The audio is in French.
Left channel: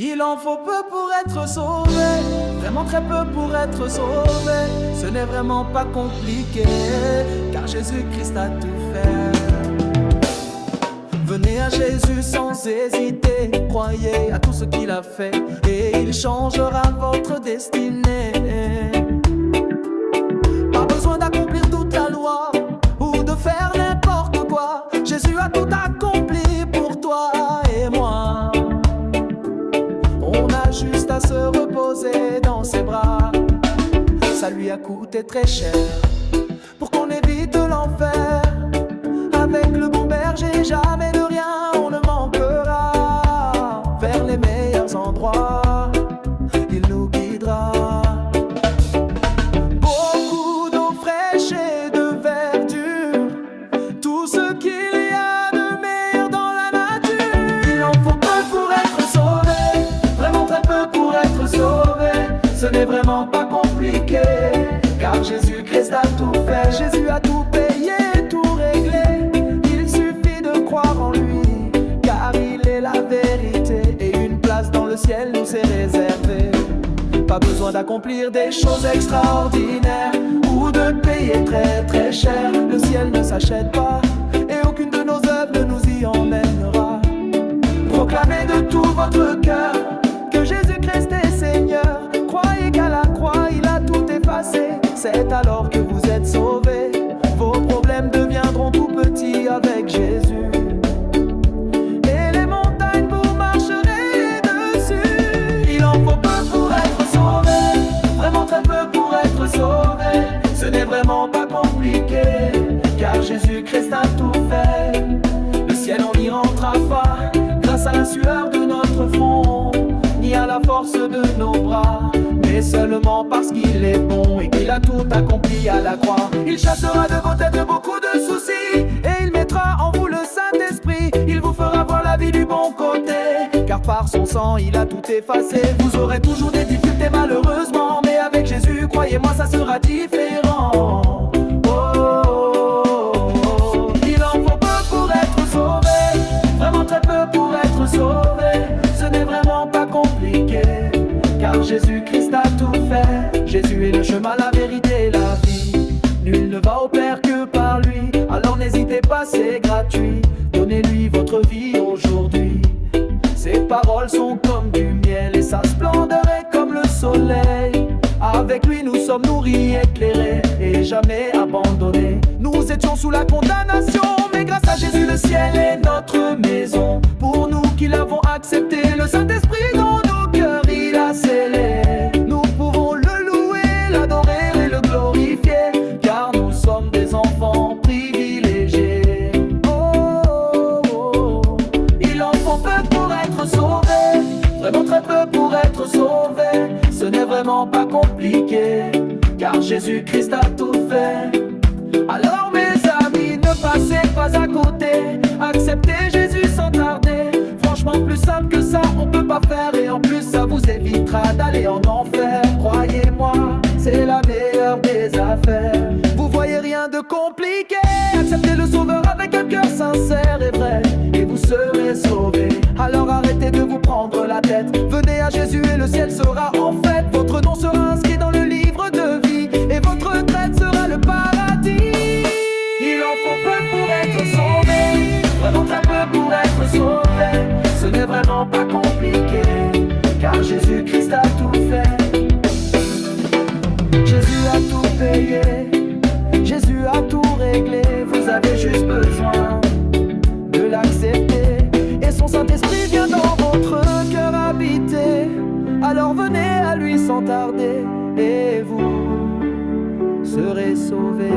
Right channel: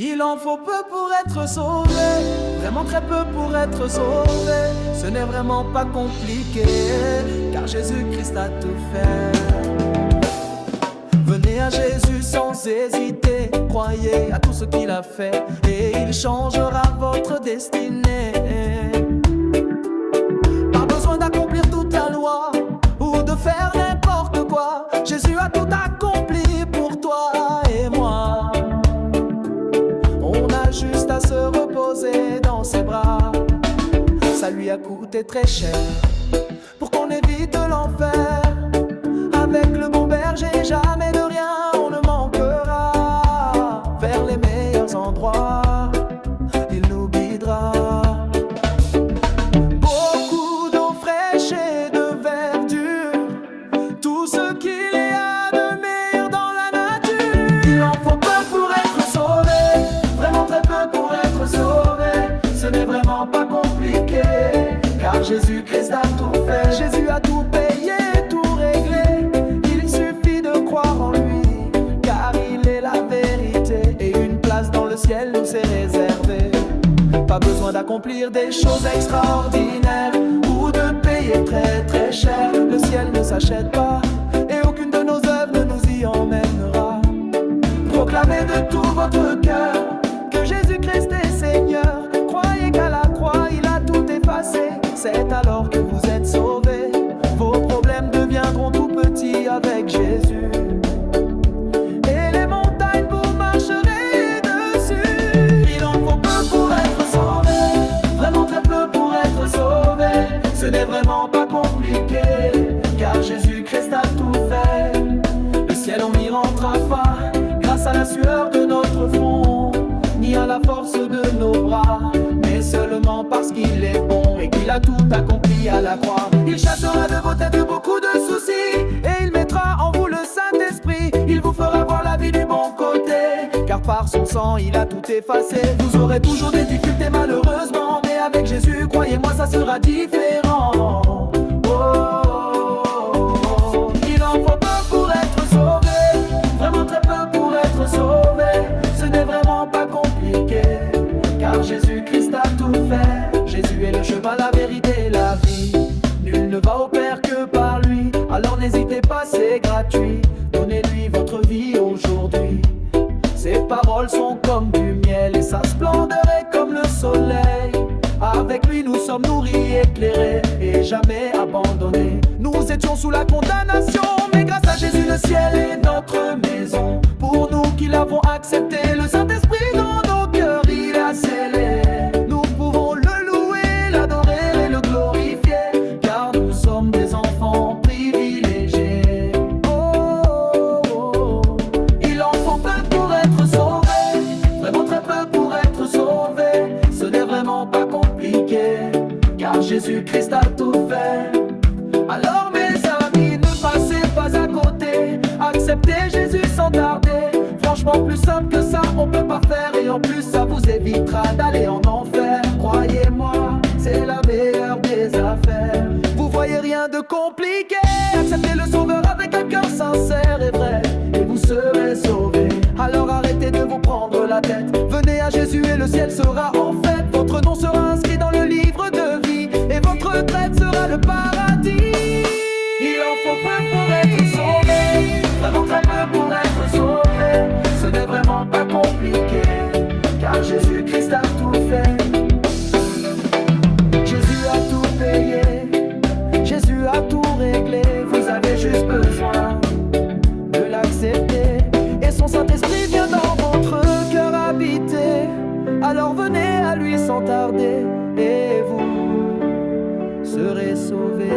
Il en faut peu pour être sauvé, vraiment très peu pour être sauvé. Ce n'est vraiment pas compliqué, car Jésus-Christ a tout fait. Venez à Jésus sans hésiter, croyez à tout ce qu'il a fait, et il changera votre destinée. Pas besoin d'accomplir toute la loi, ou de faire n'importe quoi. Jésus a tout accompli pour toi et moi. On a juste à se reposer dans ses bras. Ça lui a coûté très cher pour qu'on évite l'enfer. Avec le bon berger, jamais de rien on ne manquera. Vers les meilleurs endroits, il nous guidera. Beaucoup d'eau fraîche et de verdure, tout ce qu'il y a de meilleur dans la nature. Il en faut peu pour être sauvé, vraiment très peu pour être sauvé. Ce n'est vraiment pas compliqué, car Jésus-Christ a tout fait. Jésus a tout payé, tout réglé. Il suffit de croire en lui, car il est la vérité, et une place dans le ciel nous est réservée. Pas besoin d'accomplir des choses extraordinaires ou de payer très très cher. Le ciel ne s'achète pas, et aucune de nos œuvres ne nous y emmènera. Proclamez de tout votre cœur que Jésus-Christ est Seigneur. Croyez qu'à la croix il a tout effacé. C'est alors que vous êtes sauvés. Vos problèmes deviendront tout petits avec Jésus, et les montagnes vous marcherez dessus. Il en faut peu pour être sauvé, vraiment très peu pour être sauvé. Ce n'est vraiment pas compliqué, car Jésus-Christ a tout fait. Le ciel on n'y rentrera pas grâce à la sueur de notre front, ni à la force de nos bras, mais seulement parce qu'il est bon et qu'il a tout accompli à la croix. Il chassera de vos têtes beaucoup de soucis, et il mettra en vous le Saint-Esprit. Il vous fera voir la vie du bon côté, car par son sang il a tout effacé. Vous aurez toujours des difficultés malheureusement, mais avec Jésus, croyez-moi, ça sera différent. Oh, oh, oh. Il en faut peu pour être sauvé, vraiment très peu pour être sauvé. Ce n'est vraiment pas compliqué, car Jésus-Christ a tout fait. Jésus est le chemin, la vérité et la vie. Nul ne va au Père que par lui. Alors n'hésitez pas, c'est gratuit. Donnez-lui votre vie aujourd'hui. Ses paroles sont comme du miel, et sa splendeur est comme le soleil. Avec lui nous sommes nourris, éclairés et jamais abandonnés. Nous étions sous la condamnation, mais grâce à Jésus le ciel est notre maison. Pour nous qui l'avons accepté, le Saint-Esprit dans nos cœurs il a scellé. Nous pouvons le louer, l'adorer et le glorifier, car nous sommes des enfants privilégiés. Oh, oh, oh. Il en faut peu pour être sauvé, vraiment très peu pour être sauvé. Ce n'est vraiment pas compliqué, car Jésus-Christ a tout fait. Alors mes amis, ne passez pas à côté, acceptez Jésus sans tarder. Franchement plus simple que ça on peut pas faire, et en plus ça vous évitera d'aller en enfer. Croyez-moi, c'est la meilleure des affaires. Vous voyez rien de compliqué, acceptez le Sauveur avec un cœur sincère et vrai, et vous serez sauvés. Alors arrêtez de vous prendre la tête, venez à Jésus et le ciel sera en fête. Votre nom sera inscrit dans le livre de vie, et votre retraite sera le paradis. Il en faut peu pour être sauvé, vraiment très peu pour être sauvé. Ce n'est vraiment pas compliqué, car Jésus-Christ a tout fait. Jésus a tout payé, Jésus a tout réglé. Vous avez juste besoin de l'accepter, et son Saint-Esprit vient dans votre cœur habiter. Alors venez à lui sans tarder, et vous serez sauvés.